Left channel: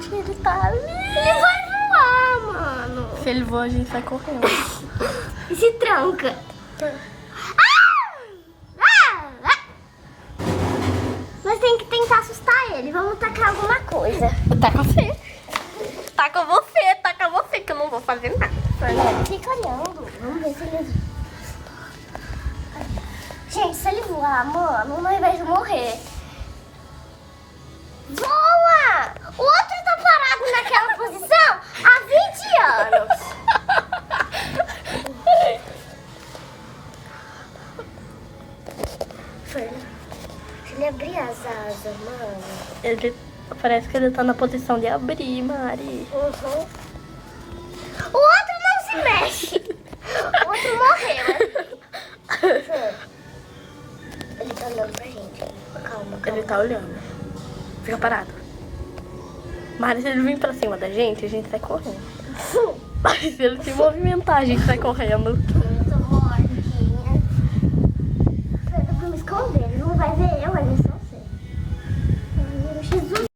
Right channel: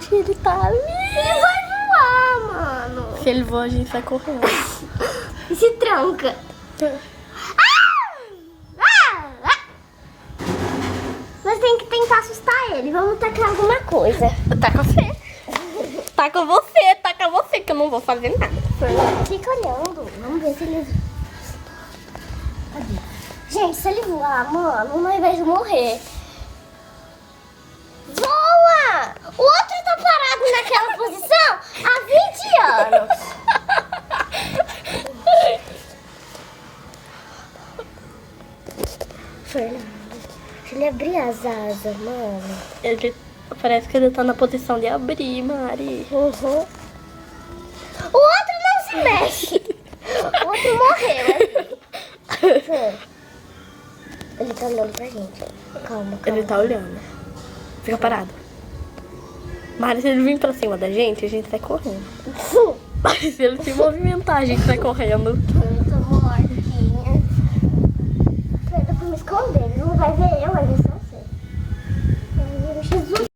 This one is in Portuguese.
Gente, ele tá ali. Ele vai voar, mano. Se ele voa, a gente sai correndo. E se tranca. Nós tem que tentar assustar ele. Vamos tacar alguma coisa. Taca você. Taca você, que eu não vou fazer nada. Fernando, fica olhando. Vamos ver se ele... Gente, se ele voar, mano, nós vamos morrer. Voa! O outro tá parado naquela posição há 20 anos. Fernando, se ele abrir as asas, mano... Ele parece que ele tá na posição de abrir, Mari. Uhum. O outro não se mexe. O outro morreu. Ele tá olhando pra gente. Calma. Ele tá olhando. Fica parado. Mari, se ele vir pra cima da gente, a gente sai correndo. Mas se ele se movimentar, a gente sai correndo. Muito mortinha. Pra me esconder. Ele não vai ver eu, vai ver só você. Ai, Jesus.